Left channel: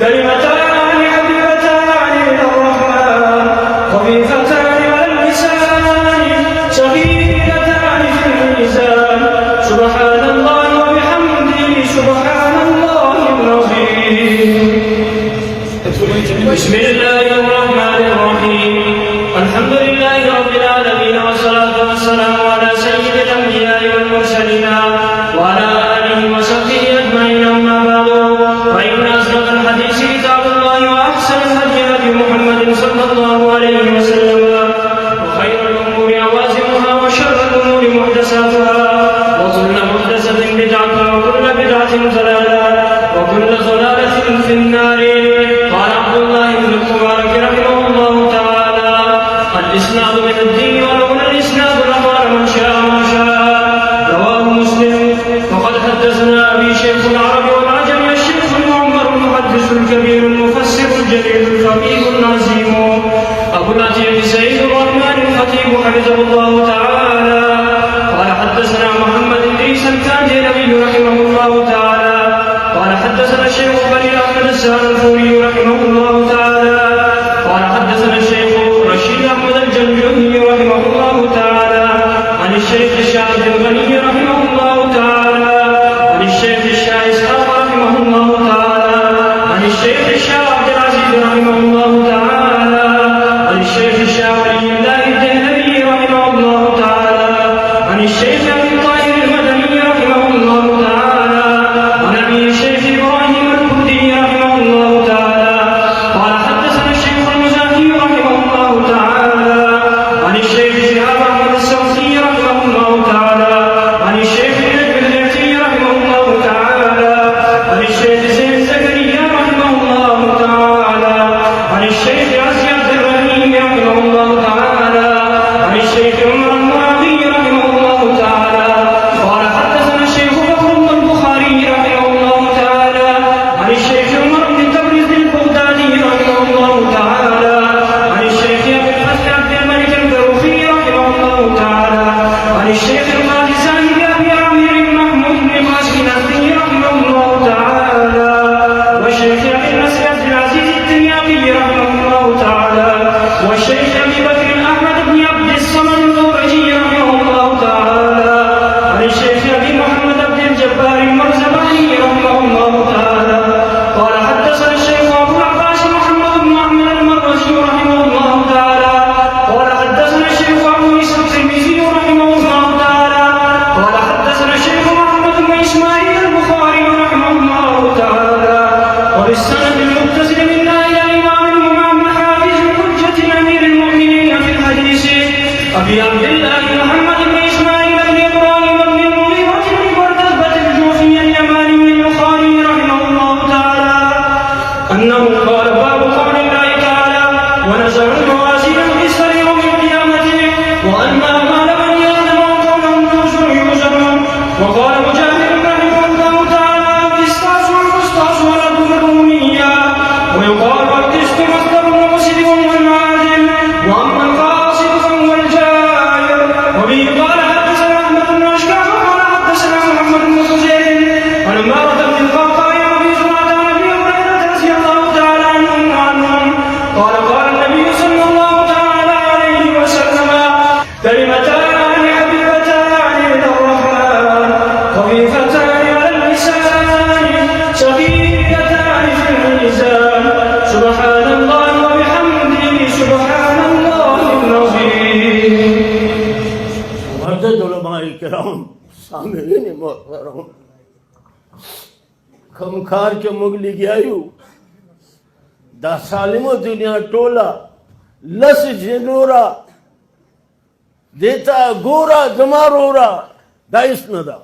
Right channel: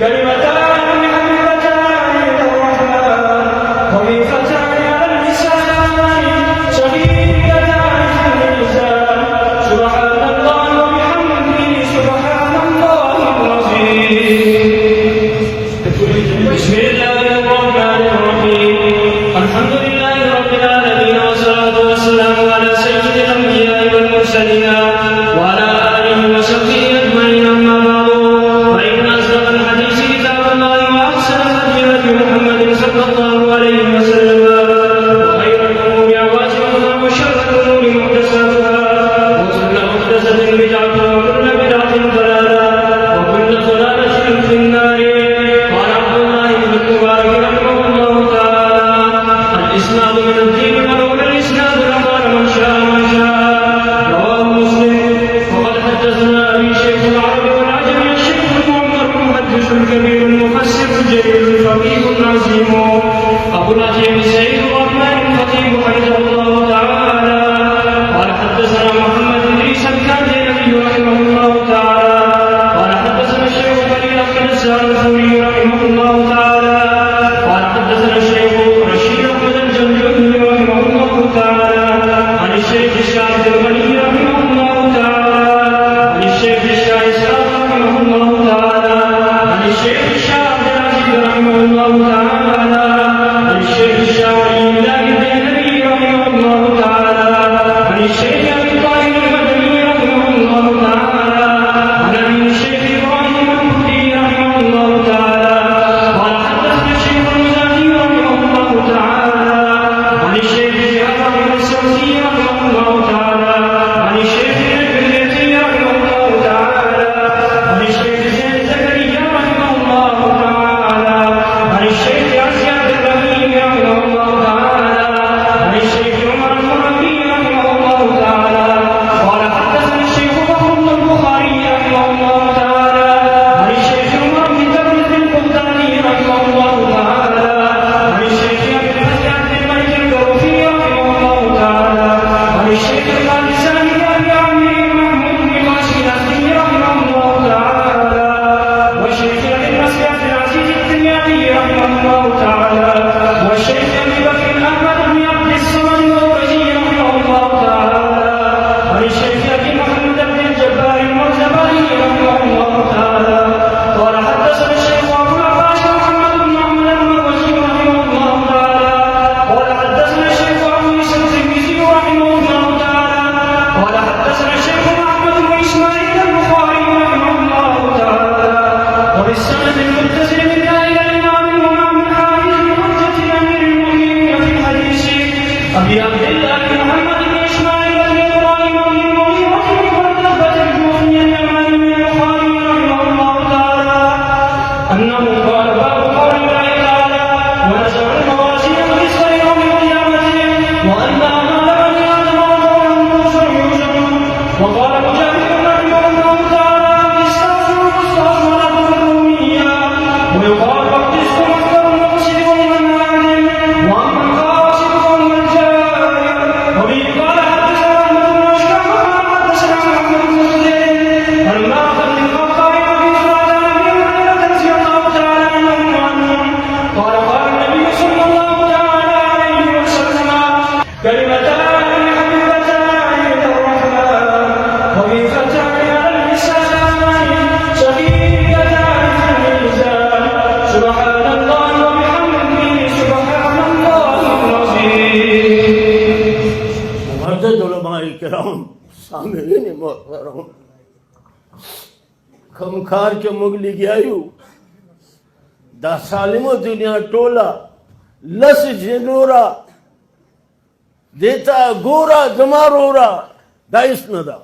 كلمتان حبيبتان إلى الرحمن خفيفتان على اللسان ثقيلتان في الميزان سبحان الله وبحمده سبحان الله العظيم. بسم الله الرحمن الرحيم. الحمد لله رب العالمين والصلاة والسلام على سيد الأنبياء والمرسلين وعلى آله وصحبه أجمعين. أما بعد فإن أصدق الحديث كتاب الله وأحسن الهدي هدي محمد صلى الله عليه وسلم وخير الأمور أوازرها وشر الأمور محدثاتها وكل محدثة بدعة وكل بدعة ضلالة وكل ضلالة في النار. قال عبد الله بن المبارك رحمه الله تعالى: الإسناد من الدين ولولا الإسناد لقال من شاء ما شاء. رواه مسلم. وقد حدثنا أبي شيخ العرب والعجم الشيخ المعمر المحدث الكبير المفسر الجليل الفقيه العظيم أبو العتيق سيد الرحمن الحكيم حفظه الله تعالى. قال حدثنا محمد بن عيسى الكاذبي رحمه الله تعالى. قال حدثنا الشيخ بني أحمد السالفوني رحمه الله تعالى. قال حدثنا الشيخ رشيد أحمد الجنجوني رحمه الله تعالى عن الشيخ الشاعر الغني رحمه الله تعالى عن الشيخ الشاعر إسحاق رحمه الله تعالى عن الشيخ الشاعر عبد العزيز رحمه الله تعالى عن الشيخ الشاعر الله الدهري رحمه الله تعالى عن الشيخ أبي طاهر المدني رحمه الله تعالى عن أبي الشيخ إبراهيم البخاري رحمه الله تعالى. قال حدثنا الشيخ المزاكي رحمه الله تعالى عن الشيخ شهاب بن السوسي رحمه الله تعالى عن الشيخ البيتي رحمه الله تعالى عن الشيخ زيد زكريا رحمه الله تعالى عن الشيخ أسعد الرحيم رحمه الله تعالى عن الشيخ عمر المرادي رحمه الله تعالى. قال حدثنا الشيخ بكر بن البخاري رحمه الله تعالى عن الشيخ عمر بن تبريز البغدادي رحمه الله تعالى عن الشيخ أبي الفتح عبد الملك البروفي رحمه الله تعالى عن الشيخ القادساني أبي عامر محمود بن قاسم الأخضري رحمه الله تعالى والشيخ أبي النصر عبد العزيز التريابي رحمه الله تعالى والشيخ أبي بكر أحمد بن عبد الصمد الغوثي رحمه الله تعالى عن الشيخ أبي محمد بن الجبار المرزباني رحمه الله تعالى. قال حدثنا الشيخ أبو العباس محمد بن عمرو المروزي رحمه الله تعالى. قال حدثنا الشيخ أبو عيسى الترمذي رحمه الله تعالى. قال حدثنا الشيخ محمد بن إسماعيل البخاري رحمه الله تعالى وبالسند المتصل منا إلى الإمام الإمام الحافظ الحجة الأمير المؤمنين في الحديث أبي عبد الله محمد بن إسماعيل بن إبراهيم بن المغيرة بن بردة الجوفي اليماني البخاري رحمه الله تعالى أنه قال: باب قول الله تعالى: ونزل الموازين القسط ليوم القيامة وأن أعمال بني آدم وقوم يوزنون. وقال مجاهد رحمه الله تعالى: القسطاس والقسطاس والعدل الرومية. ويقال القسط مصدر مقصد والعادل وأما القاصد فهو الجائر. وبه قال حدثنا أحمد بن أشكر قال حدثنا محمد بن خزير عن عمارة بن الخطاب رضي الله عنه رضي الله تعالى عنهم قال: قال النبي صلى الله تعالى عليه وسلم: كلمتان حبيبتان إلى الرحمن خفيفتان على اللسان ثقيلتان في الميزان سبحان الله وبحمده سبحان الله العظيم. معزز علماء کرام سامعین محترم خمخار کے مغلی گیایو دا سالمو دنیا ٹولا لس جنورا دیتا گورا دمارورا دا اس ندا